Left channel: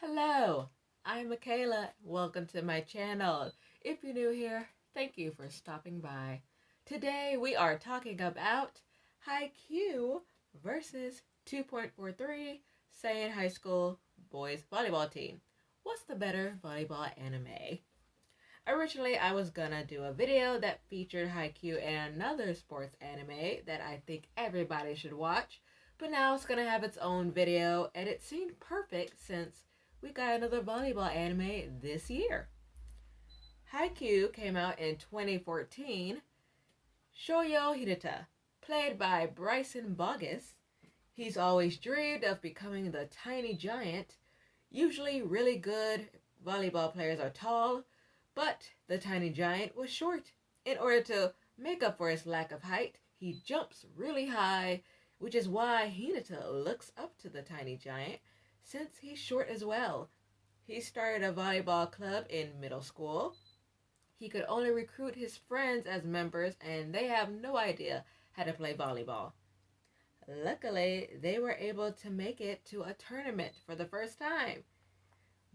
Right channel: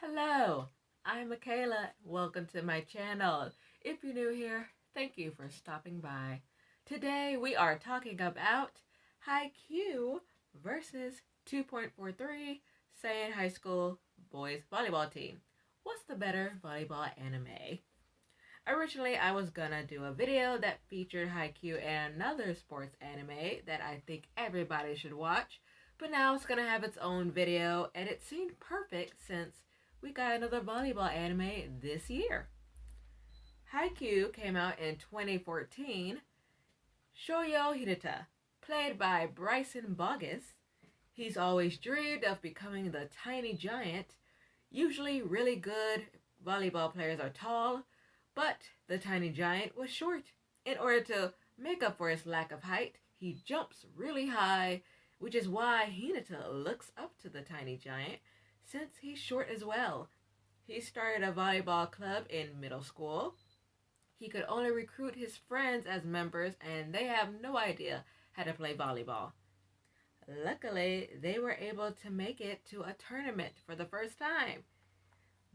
Hello, I'm Michaela. Welcome to my channel. If you're new here, thank you for stopping by. Today we are talking about Haikyu versus 2.43 Seiin High School Boys Volleyball Team. What's the better volleyball anime? Originally, I was gonna do a video that featured Haikyu and another sports anime that I think everybody should watch, but now it's gonna have its own video, and it seemed perfect since we got another volleyball anime this year. Haikyu came out in 2014. Shoyo Hinata, played by Bryson Bogus. He's always dreamed of becoming the tiny giant. Usually really good volleyball players are tall, but the tiny giant was short. In order to make up for his lack of height, he jumps really high, which is why Hinata looks up to the tiny giant since he's short as well. He started a volleyball club in middle school. He could only recruit his friends as members, and they have no idea how to play volleyball. Luckily, they were able to make it to a tournament for the first time.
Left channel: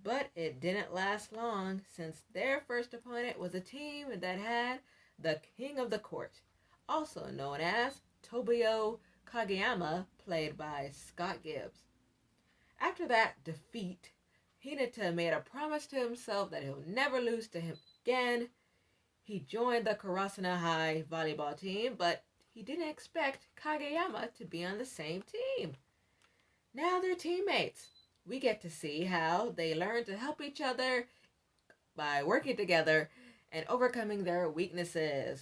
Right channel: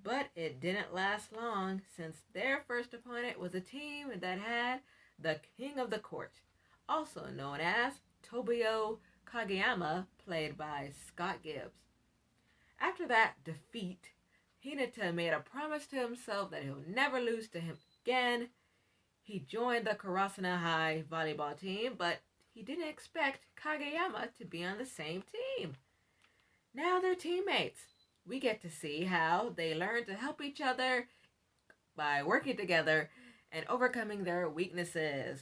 But it didn't last long since their first opponent was a team that had the king of the court, also known as Tobio Kageyama, played by Scott Gibbs. After that defeat, Hinata made a promise to himself that he'll never lose to him again. He joined the Karasuno High volleyball team, but he didn't expect Kageyama to be on the same team. Now they're teammates. We get to see how they learn to help each other by working together and overcoming their weaknesses.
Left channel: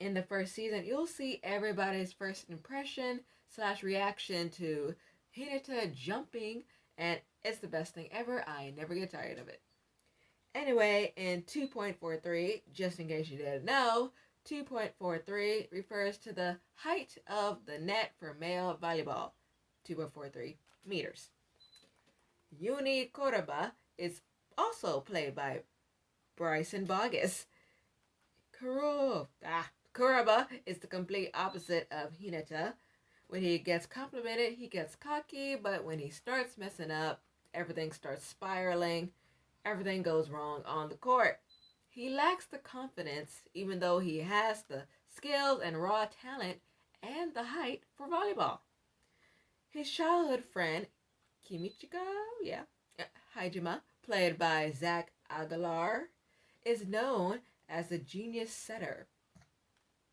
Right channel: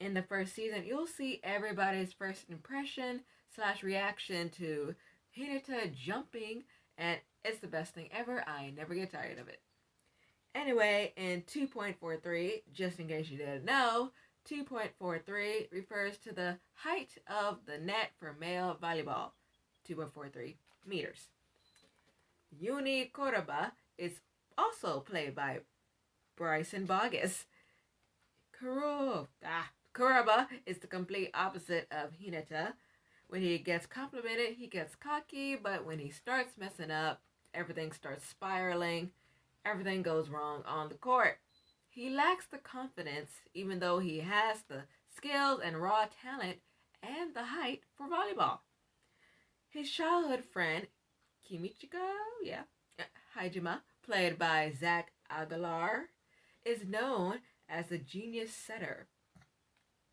In the first season, you'll see everybody's first impression / reaction to Hinata jumping, and it's the best thing ever. I never get tired of it. Anyway, in 2.43, just in case you didn't know, 2.43 refers to the height of the net for male volleyball, 2.43 meters. Yuni Kuroba is also played by Bryson Bogus. Kuroba is the complete opposite of Hinata. When he gets complimented, he gets cocky, but when he starts messing up, everything starts spiraling. Everything goes wrong on the court. He lacks the confidence, even though he has the skills and raw talent and the height for volleyball. His childhood friend, Hajima, played by Zach Aguilar, is known as a genius setter.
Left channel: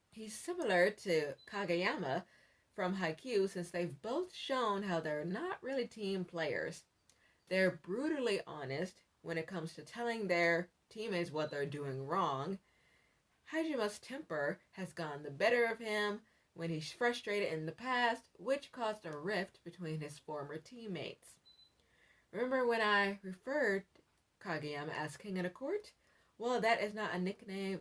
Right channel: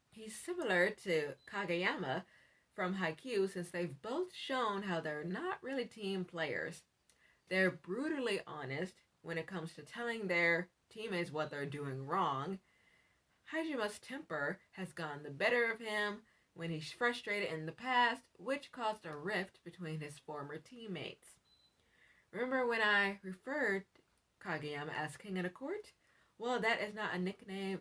He's similar to Kageyama from Haikyu since they've both shown how they're not really team players. They're brutally honest when it comes to telling their teammates what they're doing wrong. Hajima's temper has gotten the better of him when he's frustrated in the past, which caused a rift between his former teammates. Remember when I referred Kageyama as King of the Court? Well, that is not a nickname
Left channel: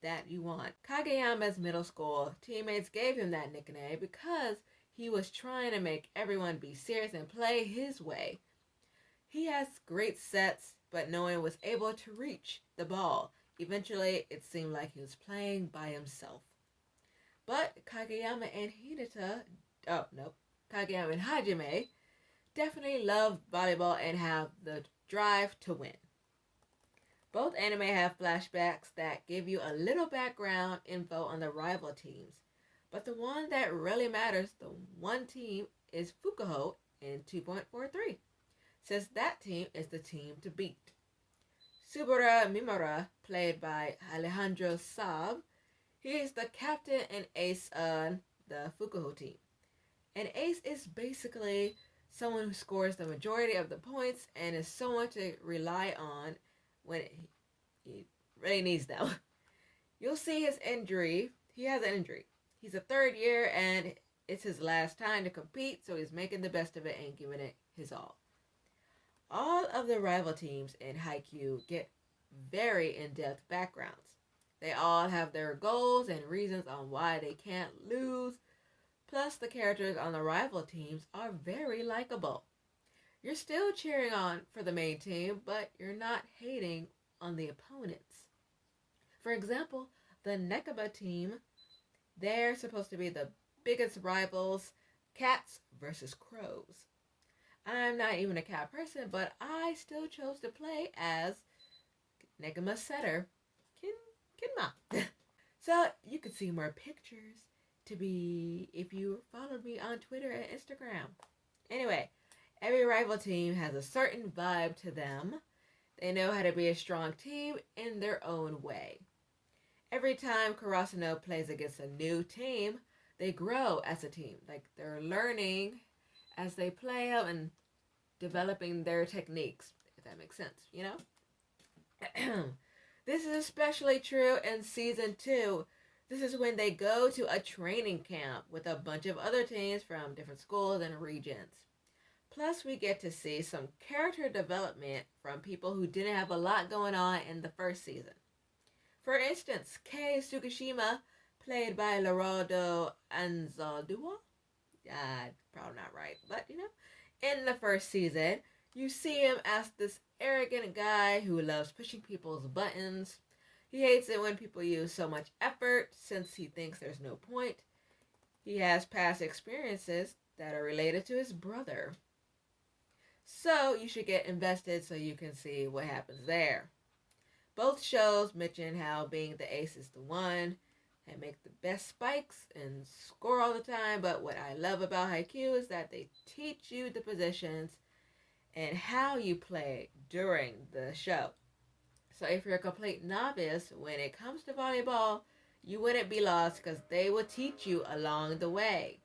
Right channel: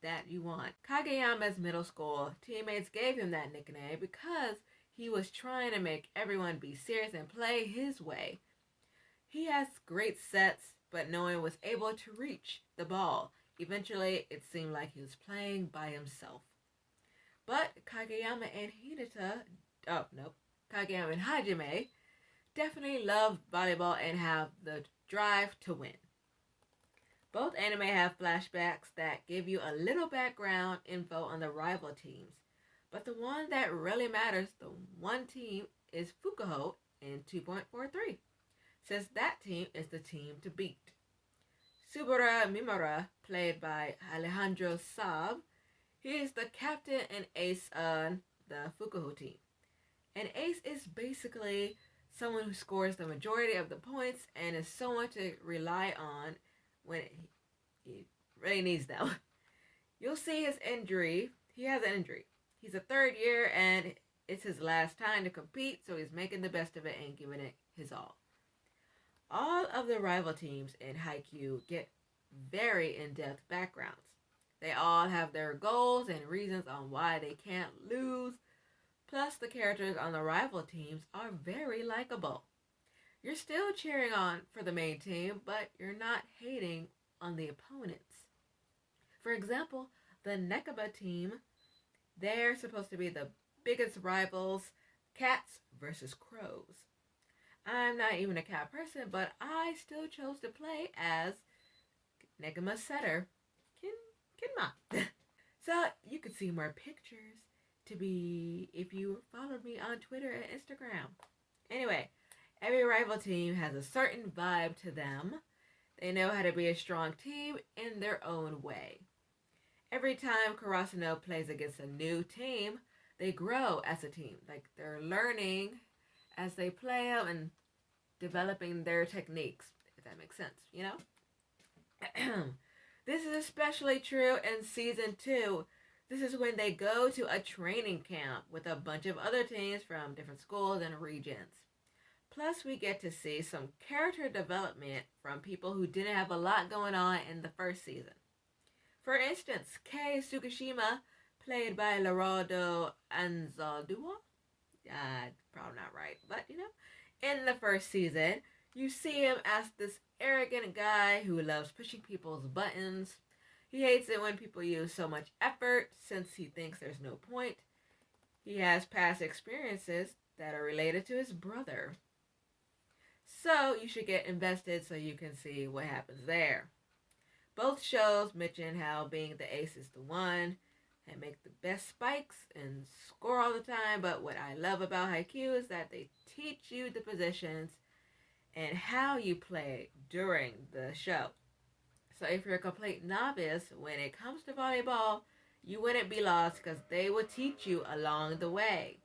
that you want. Kageyama's middle school teammates gave him that nickname because he was trying to make everyone be serious and play his way. He has great sets, but no one was able to reach the ball. Eventually, it seemed like he was playing by himself. But Kageyama and Kageyama and Hajime definitely love volleyball and have the drive to win. Both anime have flashbacks that give you a little background info on the rival teams. But the one that really matters, the one team, is Fukuho in 2.43, since that team is the team to beat. Subaru Mimura, played by Alejandro Saab, he is the captain and ace on the Fukuho team. An ace is basically someone who scores the majority of the points and is someone to rely on when he really needs them. You'll see his injury. He has an injury. He's a third year and it's his last time to compete, so he's making the best of it and giving it his all. All of the rival teams in Haikyu get very in-depth backgrounds. They all have their goals and reasons on why they can't lose. Plus, the characters on the rival teams are very likable. You're still cheering on for the main team, but you're not hating on the opponents. For example, the Nekaba team, they're supposed to be the biggest rivals, cats versus crows. I'm not even a cat person, but I still chose to play as Negama Setter Kinma. So you can see more pictures if you followed me on Twitter and Instagram. Anyway, every rival team has a certain vibe to them. They know how to be a strong team in their own way. Every time Karasuno plays against a new team, they grow as a team. Like they're learning as they play them and developing their techniques, if that makes sense, you know? This is especially true in season 2. This is when they go to a training camp with a bunch of other teams from different schools and regions. Plus, we get to see some character development from people who didn't have a lot going on in the first season. For instance, Kei Tsukishima, played by Geraldo Anzaldúa, probably not right, but you know, in the first season, you see him as this arrogant guy who loves pushing people's buttons. He hates it when people use so much effort since he thinks there's no point. He has past experiences that are related to his brother. So you should get invested so you can see what happens there. Both shows mention how being the ace is the one and make the best spikes and score all the time, but what I love about Haikyu is that they teach you the positions and how you play during the show. So if you're a complete novice when it comes to volleyball, you wouldn't be lost because they will teach you along the way.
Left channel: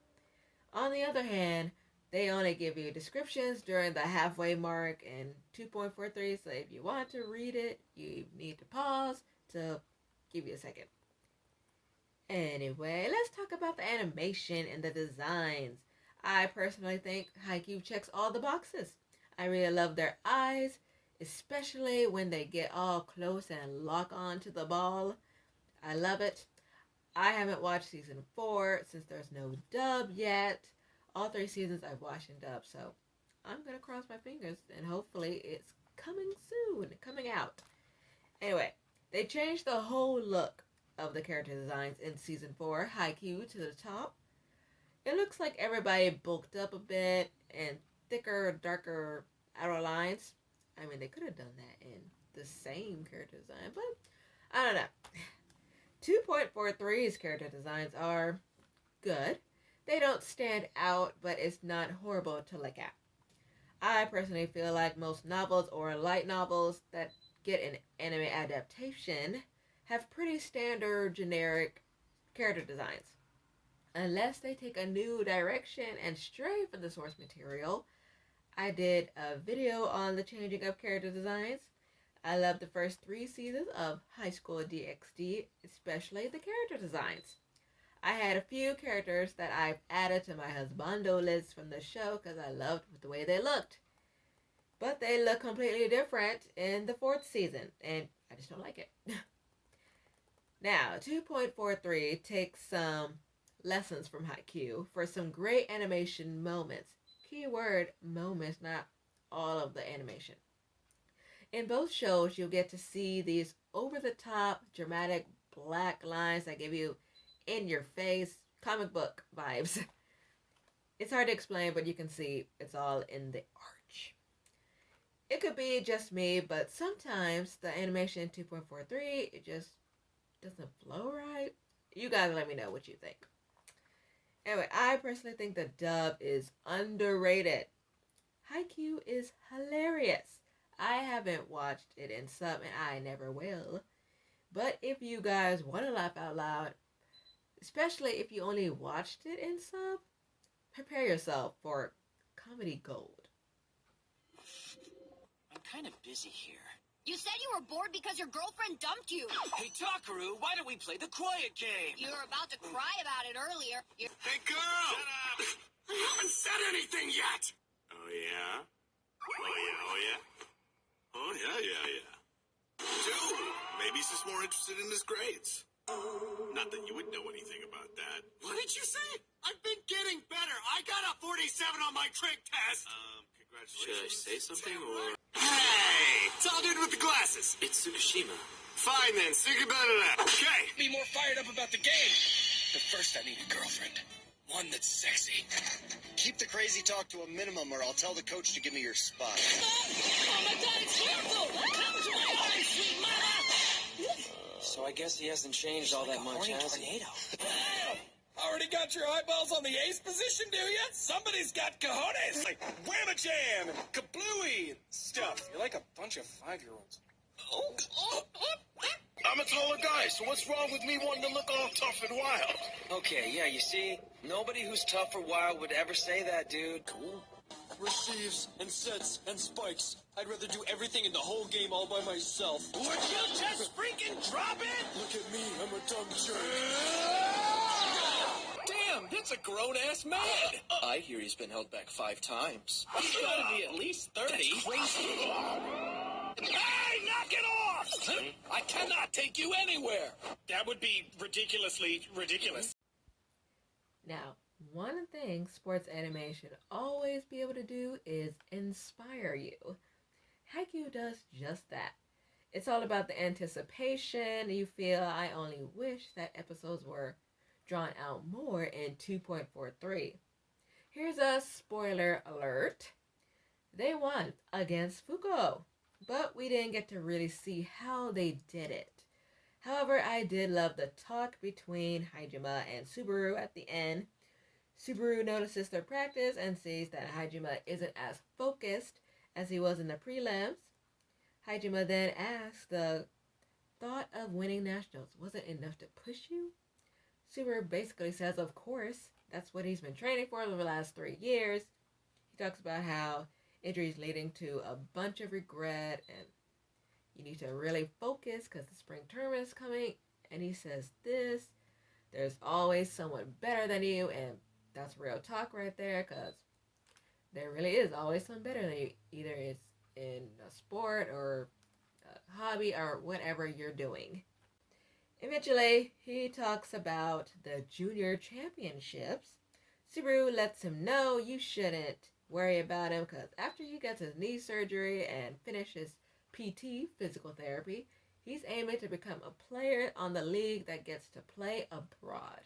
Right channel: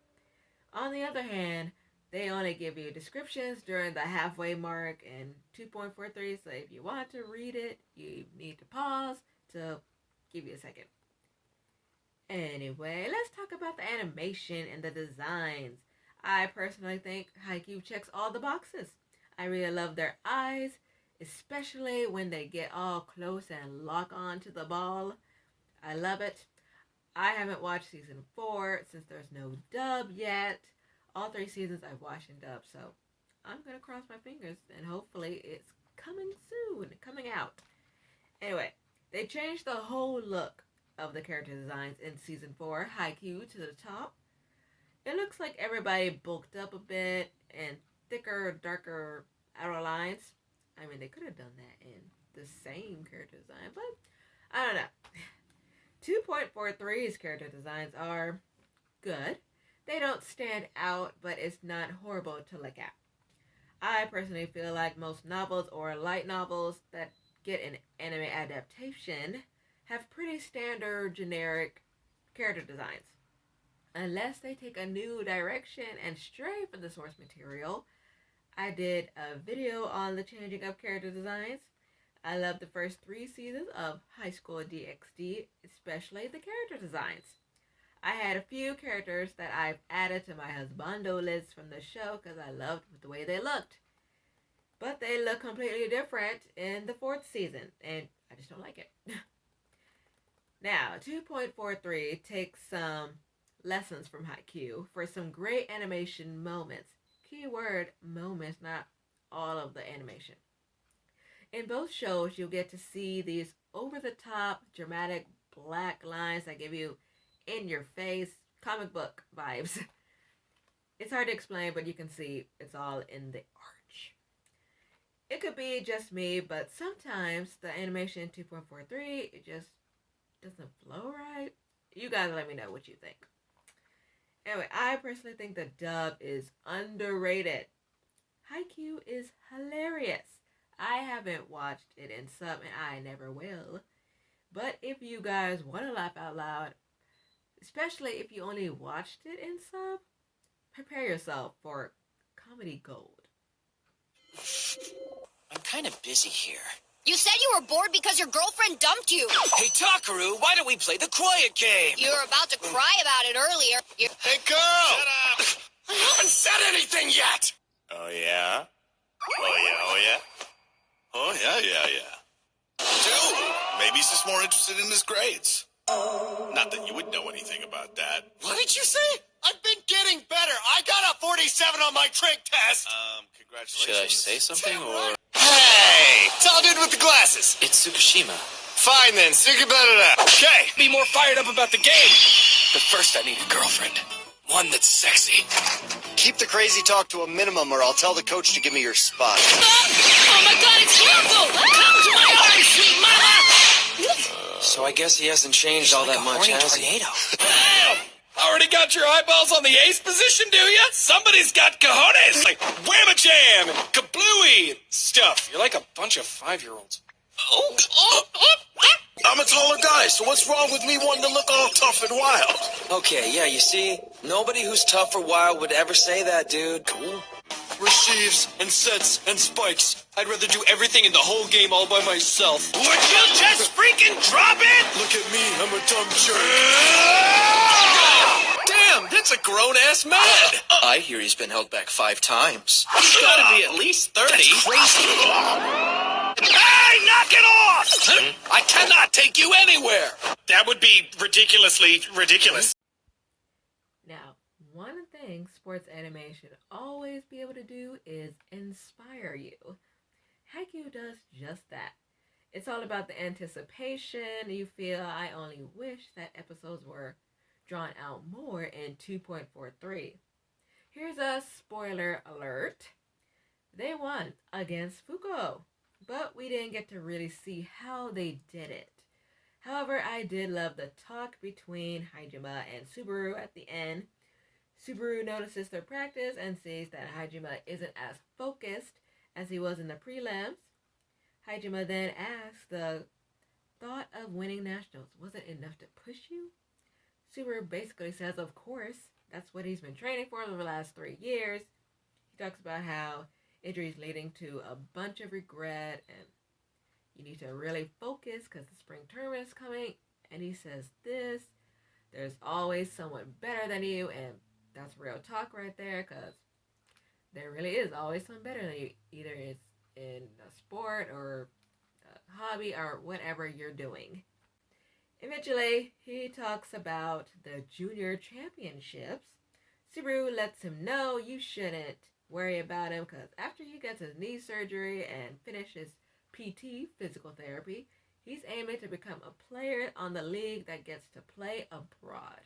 On the other hand, they only give you descriptions during the halfway mark in 2.43, so if you want to read it, you need to pause to give you a second. Anyway, let's talk about the animation and the designs. I personally think Haikyu checks all the boxes. I really love their eyes, especially when they get all close and lock on to the ball. I love it. I haven't watched season 4 since there's no dub yet. All 3 seasons I've watched in dub, so I'm going to cross my fingers and hopefully it's coming out. Anyway, they changed the whole look of the character designs in season 4, Haikyu to the top. It looks like everybody bulked up a bit and thicker, darker outer lines. I mean, they could have done that in the same character design, but I don't know. 2.43's character designs are good. They don't stand out, but it's not horrible to look at. I personally feel like most novels or light novels that get an anime adaptation have pretty standard, generic character designs. Unless they take a new direction and stray from the source material. I did a video on the changing of character designs. I love the first 3 seasons of Highschool DxD, especially the character designs. I had a few characters that I've added to my husbando list from the show because I loved the way they looked. But they look completely different in the 4th season, and I just don't like it. Now, 2.43 takes some lessons from Haikyu for some great animation moments. Keyword moments, not all of the animation. In both shows, you'll get to see these over-the-top, dramatic black lines that give you in-your-face comic book vibes. It's hard to explain, but you can see it's all in the arch. It could be just me, but sometimes the animation in 2.43, it just doesn't flow right. You guys let me know what you think. Anyway, I personally think the dub is underrated. Haikyu is hilarious. I haven't watched it in sub, and I never will. But if you guys want to laugh out loud, especially if you only watched it in sub, prepare yourself for comedy gold. I'm kind of busy here. You said you were bored because your girlfriend dumped you. Hey, Takaru, why don't we play the quiet game? You were about to cry about it earlier. Hey, girl! Shut up! I haven't said anything yet! Oh, yeah? Oh, yeah, oh, yeah? Oh, yeah. Dude, maybe he's just more interested in his grades. Not that you would know anything about that. What did you say? I've been getting better. I got a 47 on my trig test. Congratulations. Should I say something or? Hey! Tall dude with the glasses. It's Tsukishima. Fine then, speak about it up. Okay, be more fired up about the game. But first I need a girlfriend. One that's sexy. Keep the crazy talk to a minimum or I'll tell the coach to give me your spot. Oh my god, it's careful! Come to my arms, sweet mama! So I guess he hasn't changed all that much, has he? Damn! Already got your eyeballs on the ace position, do ya? Somebody's got cojones! Like whamma jam and kablooey and stuff. You're like a bunch of 5-year-olds. I'm a taller guy, so what's wrong with me wanting to look all tough and wild? Okay, yeah, you see, nobody who's tough or wild would ever say that, dude. Cool. Receives and sets and spikes. I'd rather do everything in the whole game all by myself. Would you just freaking drop it? Look at me, I'm a dumb jerk. Damn, that's a grown-ass man. I hear he's been held back 5 times. He's gotta be at least 30. That's crazy. Hey, knock it off! I cannot take you anywhere. That would be ridiculously ridiculous. Now, one thing sports anime should always be able to do is inspire you. Haikyu does just that. It's all about the anticipation. You feel, I only wish that episodes were drawn out more in 2.43. Here's a spoiler alert. They won against Fuko, but we didn't get to really see how they did it. However, I did love the talk between Hajime and Subaru at the end. Subaru notices their practice and sees that Hajime isn't as focused as he was in the prelims. Hajime then asks, the thought of winning nationals wasn't enough to push you? Subaru basically says, of course, that's what he's been training for the last 3 years. He talks about how injuries leading to a bunch of regret and you need to really focus because the spring tournament is coming. And he says this, there's always someone better than you, and that's real talk right there, because there really is always someone better than you. Either it's in a sport or a hobby or whatever you're doing. Eventually, he talks about the junior championships. Subaru lets him know you shouldn't worry about him because after he gets his knee surgery and finishes PT, physical therapy, he's aiming to become a player on the league that gets to play abroad.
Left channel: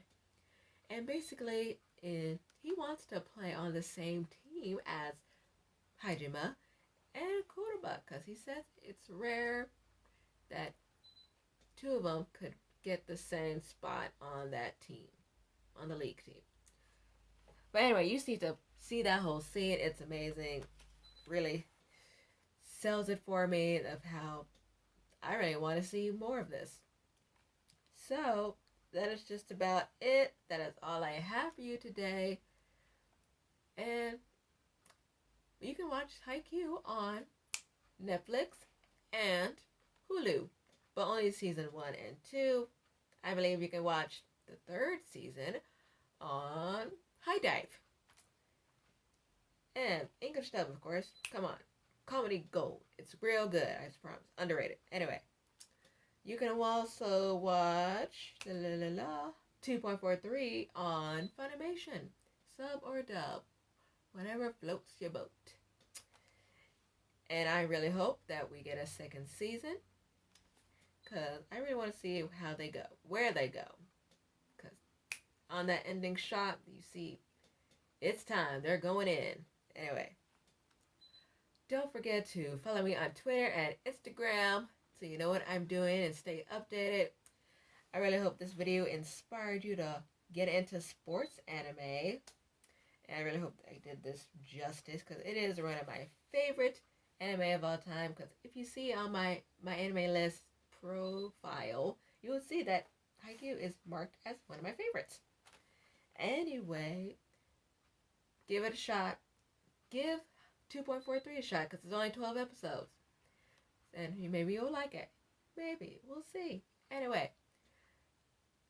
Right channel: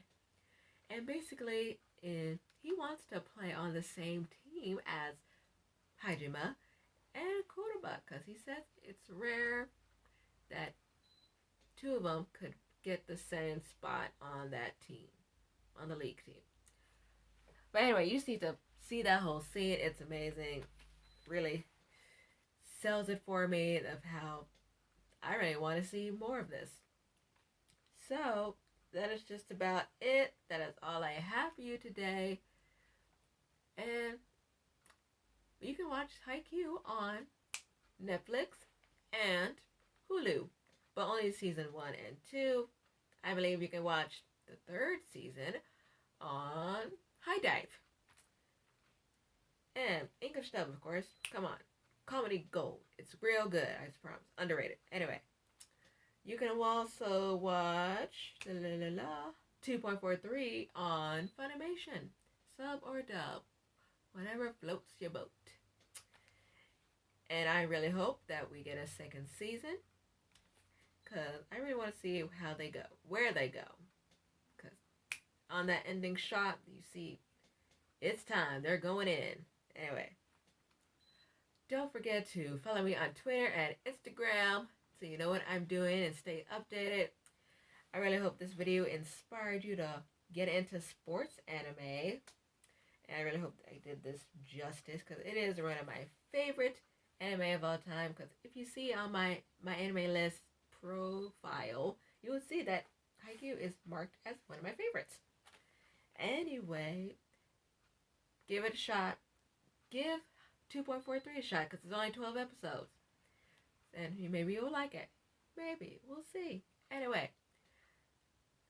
And basically, he wants to play on the same team as Hajime and Kuroba because he says it's rare that 2 of them could get the same spot on that team, on the league team. But anyway, you need to see that whole scene. It's amazing. Really sells it for me of how I really want to see more of this. So that is just about it. That is all I have for you today. And you can watch Haikyu on Netflix and Hulu, but only season 1 and 2. I believe you can watch the 3rd season on High Dive. And English dub, of course. Come on. Comedy gold. It's real good, I promise. Underrated. Anyway, you can also watch 2.43 on Funimation. Sub or dub. Whatever floats your boat. And I really hope that we get a 2nd season. Because I really want to see how they go. Where they go. Because on that ending shot, you see, it's time. They're going in. Anyway. Don't forget to follow me on Twitter and Instagram so you know what I'm doing and stay updated. I really hope this video inspired you to get into sports anime. And I really hope I did this justice because it is one of my favorite anime of all time. Because if you see on my anime list profile, you will see that Haikyu is marked as one of my favorites. Anyway, give it a shot. Give 2.43 a shot because it's only 12 episodes. And maybe you'll like it. Maybe. We'll see. Anyway,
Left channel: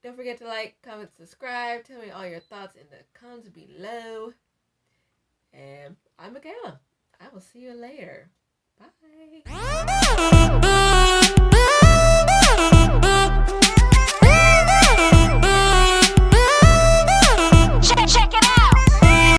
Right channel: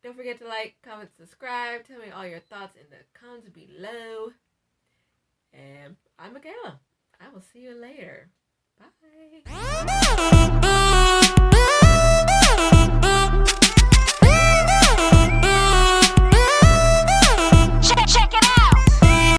don't forget to like, comment, subscribe. Tell me all your thoughts in the comments below. And I'm Michaela. I will see you later.